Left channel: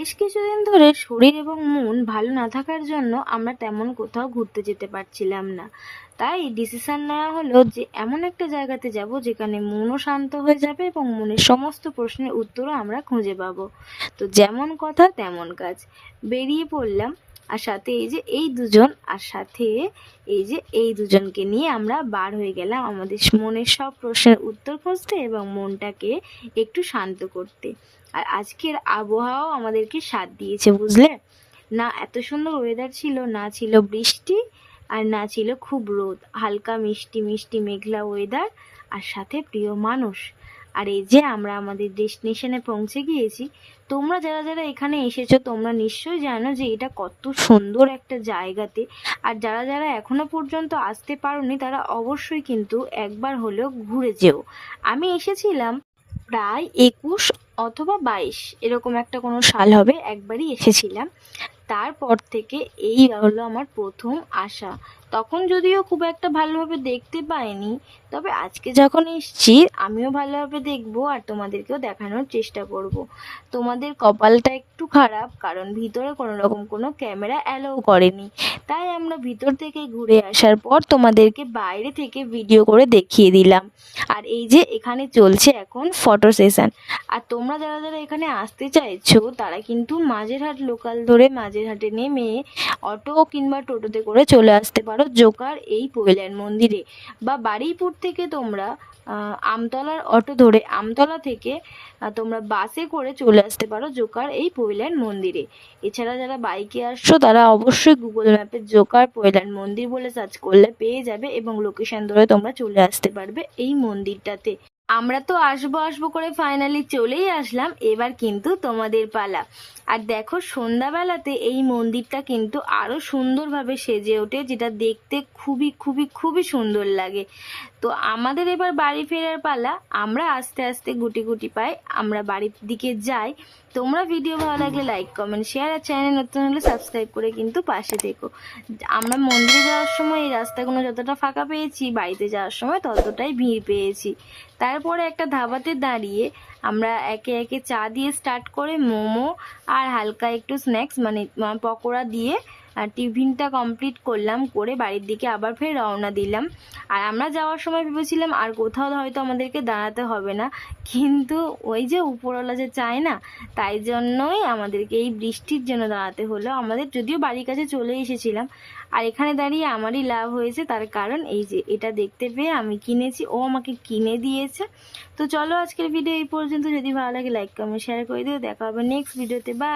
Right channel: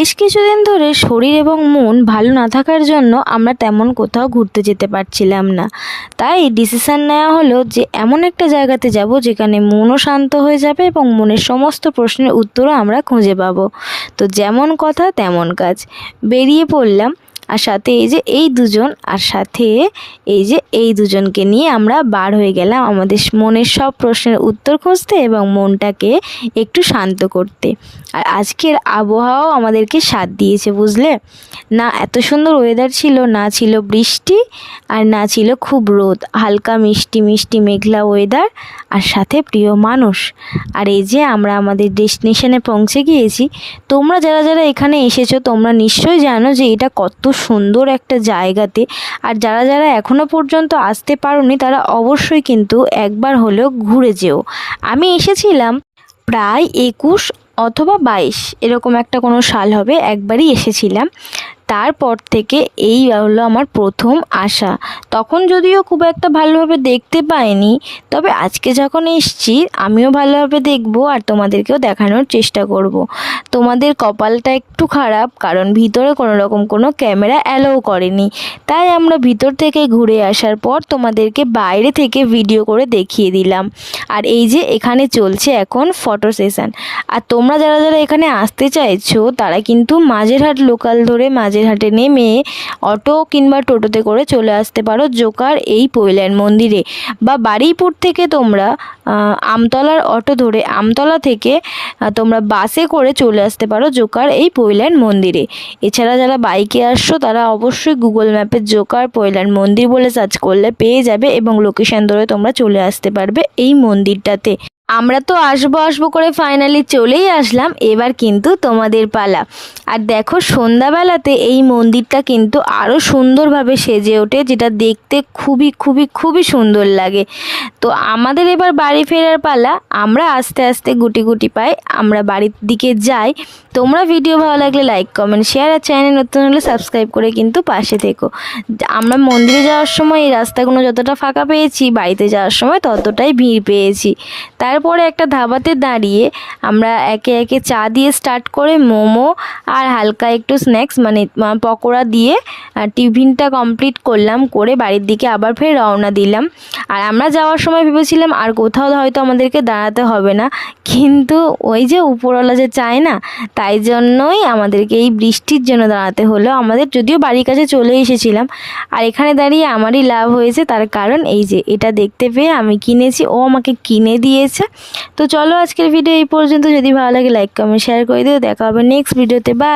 বেশ কিছুদিন ধরে শরীর এবং মন ভালো না থাকার জন্য আমরা তেমন কোথাও ঘুরতে যেতে পারছিলাম না। তাই ডিসিশন নেওয়া হলো যে এমন একটা জায়গাতে যাব যেখানে মনও শান্ত হয়ে যাবে এবং মনের সমস্ত প্রশ্নের উত্তরও আমরা খুঁজে পাবো। তো যেমন কথা তেমন কাজ, বেরিয়ে পড়লাম। আর সাথে এই দুজনকে নিয়ে আমরা বার হয়ে গেলাম আমাদের মনের সব প্রশ্নের উত্তর খুঁজতে এবং মনটাকে একটু শান্ত করতে। আর আজকের আবহাওয়াও আমাদেরকে সাথ দিয়েছে, বুঝলে? না এত সুন্দর ওয়েদার ছিল, না ছিল বৃষ্টি, আর না ছিল খুব রোদ, হালকা মিষ্টি মিষ্টি মেঘলা ওয়েদার, আর সাথে প্রিয় মানুষ। আর এই যে আমরা আমাদের ডেস্টিনেশনে পৌঁছে গিয়েছি। তোমরা যারা যারা এখানে এসেছো তোমরা নিশ্চয়ই জানো যে এটা কত সুন্দর একটা জায়গাতে। আর যারা যারা এখনও পর্যন্ত আসতে পারোনি তারা অবশ্যই কিন্তু একবার হলেও ঘুরে যেও। আমি এসেছিলাম প্রায় 21 অথবা 22 এরকম একটা কোনো সাল হবে, একবারই এসেছিলাম। তারপর থেকে এই হলো আমার প্রথম আসা। তখন যদিও খুব একটা ভালোভাবে দেখতে পাইনি, তবে আজকে যখন এসছি আমিও ভালোভাবে দেখবো আর তোমাদেরকেও দেখানোর চেষ্টা করব। তোমাদের কপালটা একটু খারাপ, কারণ ভিতরে কোনো রকম কোনো ক্যামেরা অ্যালাউ করেনি। তাই আমরা ভিতর থেকে ঘুরে আসার পর তোমাদেরকে বাইরে থেকে ভিডিও করে দেখিয়ে দিলাম। আর এই যে এখানে চলছে এখন ফটো সেশন। আর তোমরা যারা যারা এখানে আসতে চাইছো তারা কিন্তু মাঝেরহাট লোকাল ধরে মাঝেরহাটে নেমে অটো কিংবা টোটোতে করে চলে আসতে পারো জোকার এই পৈলান মন্দিরে। বা বারুইপুর থেকে তোমরা আমতলার অটো ধরে আমতলা থেকে তোমরা বাসে করে চলে আসতে পারো জোকার এই পৈলান মন্দিরে। এছাড়া যারা বাইকে আসছো তারা অবশ্যই গুগল ম্যাপে জোকার পৈলান মন্দির বলে সার্চ করলে পেয়ে যাবে এবং লোকেশন ধরে তোমরা চলে আসতে পারবে এই মন্দিরটাতে। আমরা তো আসবো করে ফাইনালি চলেই আসলাম, এবার কিন্তু তোমাদের পালা। আর দেখো সন্ধ্যাবেলাতে এই মন্দিরটা কিন্তু আরও সুন্দরভাবে সেজে ওঠে, যেটা দেখতে খুবই খুবই খুবই সুন্দর লাগে। তো আমাদের এবার বাড়ি ফেরার পালা। আমরা আস্তে আস্তে গুটি গুটি পাই আমরা বাড়ির দিকে যাই। তোমরা ভিডিও ভালো লাগলে লাইক কমেন্ট শেয়ার, আর চ্যানেল নতুন হলে সাবস্ক্রাইব করে কিন্তু পাশে থেকো। আমরা মন্দিরে যাওয়ার সময় এই রাস্তাগুলো যতটা ফাঁকা পেয়েছি, বাড়িতে যাওয়ার সময় ততটাই ভিড় পেয়েছি। তারপরে একটা ধাবাতে দাঁড়িয়ে আমরা একে একে চা দিয়ে স্টার্ট করে মোমো আর হালকা একটু স্ন্যাক্স মানে পকোড়া দিয়ে টিফিনটা কমপ্লিট করলাম, করে বাড়ির দিকে আবার ফের রওনা দিলাম। আর আমরা যাওয়ার সময় ভেবেছিলাম আর কোথাও হয়তো আমাদেরকে দাঁড়াতে হবে না, কিন্তু ওই যে উপরওয়ালা যে চায় না, তাই জন্যই আমাদেরকে এই বৃষ্টির জন্য দাঁড়াতে হলো। আমাদের যদিও বাড়ির কাছে চলে এসেছিলাম। আর এখানে দাঁড়িয়ে আমারই লাভ হয়েছে, তার কারণ এই যে এটা দেখতে পেয়ে আমি কিনেছি, ও আমাকে কিনে দিয়েছে। তো চলো আজকের ভিডিও এই পর্যন্ত। যদি ভালো লাগে লাইক কমেন্ট শেয়ার করে দিও। দেখা হবে নেক্সট ভিডিওতে। বাই।